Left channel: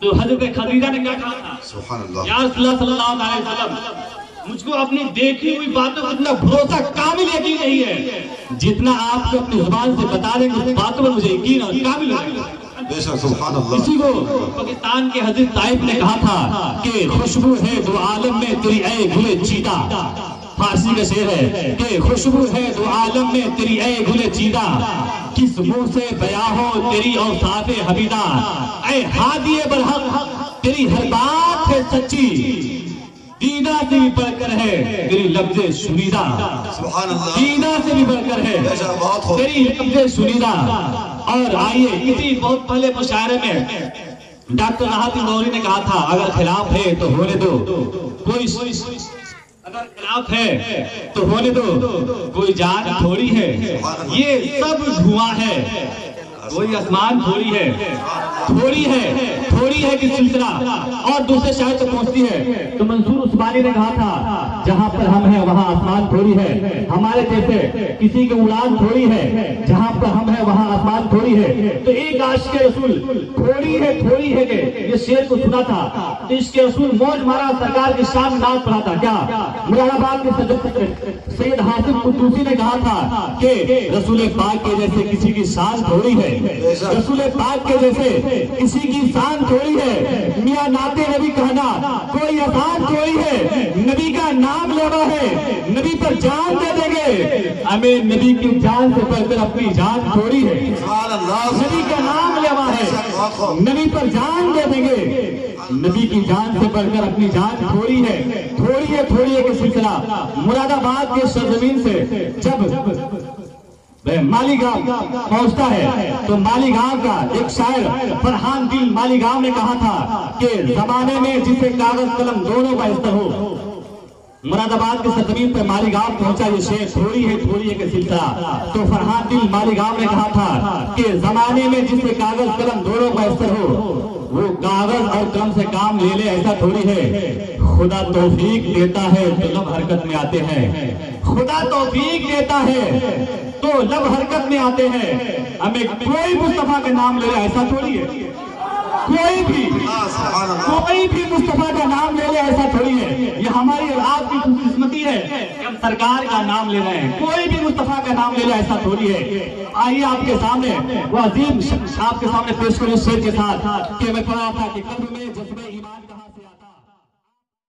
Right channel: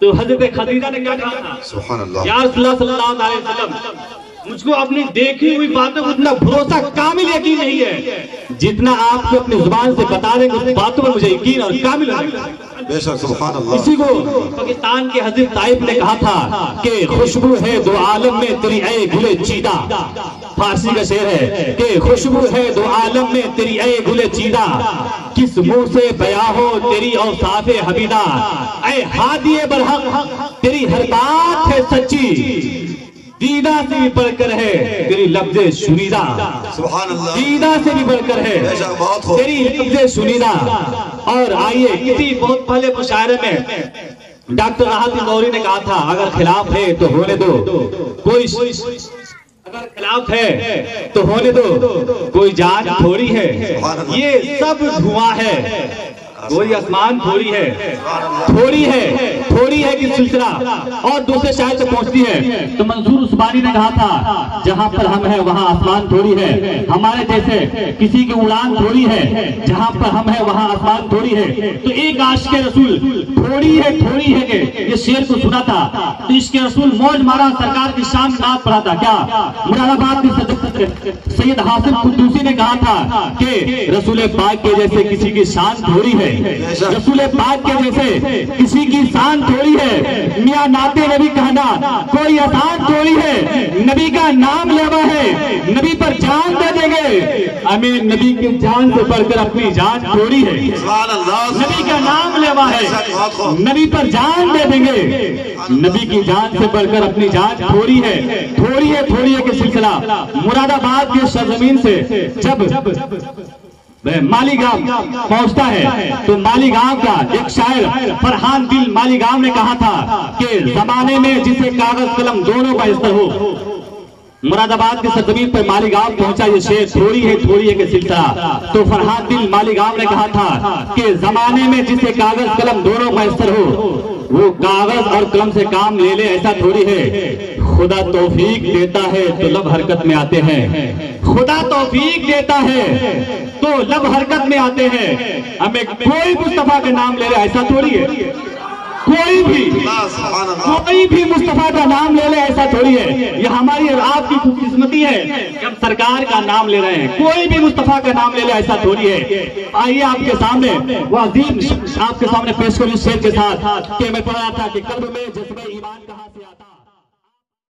تو حضرت خدیجہ نے کیا کہا تھا؟ سبحان اللہ، یا رسول اللہ صلی اللہ علیہ وسلم، مجھ کو اپنی دیکھی ہوئی باتوں کو اتنا بھروسہ کامل یقین نہیں ہے جتنا آپ کو اپنی زبان سے بتا دیں کہ اس باتوں پر مجھے یقین اور کامل ہے۔ بے شک سبحان اللہ۔ اسی کو پاکستان کے حضرت طائف نے کہا تھا کہ خوشبو ہے دو عالم میں تیری اے گلے چیدہ، فارسی کا شعر ہے کہ خوشبو ہے دو عالم میں تیری اے گلے چیدہ، کس منہ سے بیاں ہو تیری اوصاف حمیدہ، اے ہادی برحق تیری ہر بات ہے سچی، دیدہ سے بھی بڑھ کر ہے تیری لفظ شنیدہ، سبحان اللہ، دیدہ سے بھی بڑھ کر ہے تیری لفظ شنیدہ۔ اور آئیے کسی بہت پہلے مشاعرے میں ڈاکٹر راحت موری نے کہا تھا اگر خلاف ہے تو ہونے دو، کوئی اگر خلاف ہے تو ہونے دو، کوئی جان تھوڑی ہے، یہ سب دھواں ہے، کوئی آسمان تھوڑی ہے، تھوڑی ہے کہ سلسلہ۔ اور دوسرے شاعر سے پہنچتی ہے تو منصور عثمانی نے کہا تھا جہاں پر ہم ہیں وہاں آسمان تھوڑی ہے، ہمارے جیسے کسی کی اڑان تھوڑی ہے، جہاں پر ہم ہیں وہاں آسمان تھوڑی ہے۔ تو ایک عاشق رسول تھوڑی ہے کہ یہ شعر کو سنا تھا تو عشق رسول موج مارا، سرکار کی شان نعت پڑھا تھا۔ کیا مراد آباد کے سید حاصل قدوسی نے کہا تھا کہ رسول پاک کے جیسے کسی کی شان تھوڑی ہے، رسول پاک کے جیسے کسی کی شان تھوڑی ہے، میاں نعت نبی کہنا کوئی آسان تھوڑی ہے، نبی کا نام لیوا ہے نبی پر جان دے دیں گے، ہمیں نبی کی جان سے بڑھ کر اپنی جان تھوڑی ہے، نبی کا نام لیوا ہے نبی پر جان دے دیں گے، نبی کی جان سے بڑھ کر اپنی جان تھوڑی ہے کہ سلسلہ۔ مراد آباد کے سرزمین سے جب مالی گاؤں پہنچتا ہے تو مالی گاؤں کا ایک شاعر فرحان دل مالی گاؤں نے کہا تھا کہ زمانے میں جسے کاغذ قلم دونوں کا استر ہو، مراد آباد کے سرزمین پر مالی گاؤں پہنچا یہ شعر تھوڑی ہے کہ سلسلہ۔ تو فرحان دل مالی گاؤں نے کہا تھا کہ زمانے میں جسے کاغذ قلم دونوں کا استر ہو، وہ کاغذ اور قلم سے کام لے لے ایسا تھوڑی ہے، خدا توفیق دیتا ہے تو لب حرکت میں آتے ہیں، خدا توفیق دیتا ہے تو لب حرکت میں آتے ہیں، ہمیں کوئی مصطفیٰ کا نام لے رہے ایسا تھوڑی ہے، کوئی بھی مصطفیٰ کا نام لے لے ایسا تھوڑی ہے، یہ ہماری اور آپ کی خوش قسمتی ہے کہ ہم سرکار کا نام لے رہے ہیں، کوئی بھی مصطفیٰ کا نام لے لے ایسا تھوڑی ہے۔ آئیے آپ کے سامنے وہ عظیم آپ کے سامنے پیش کروں اس شعر کے ساتھ کہ میں پڑھا تھا کہ قلب میں جذبہ ایمان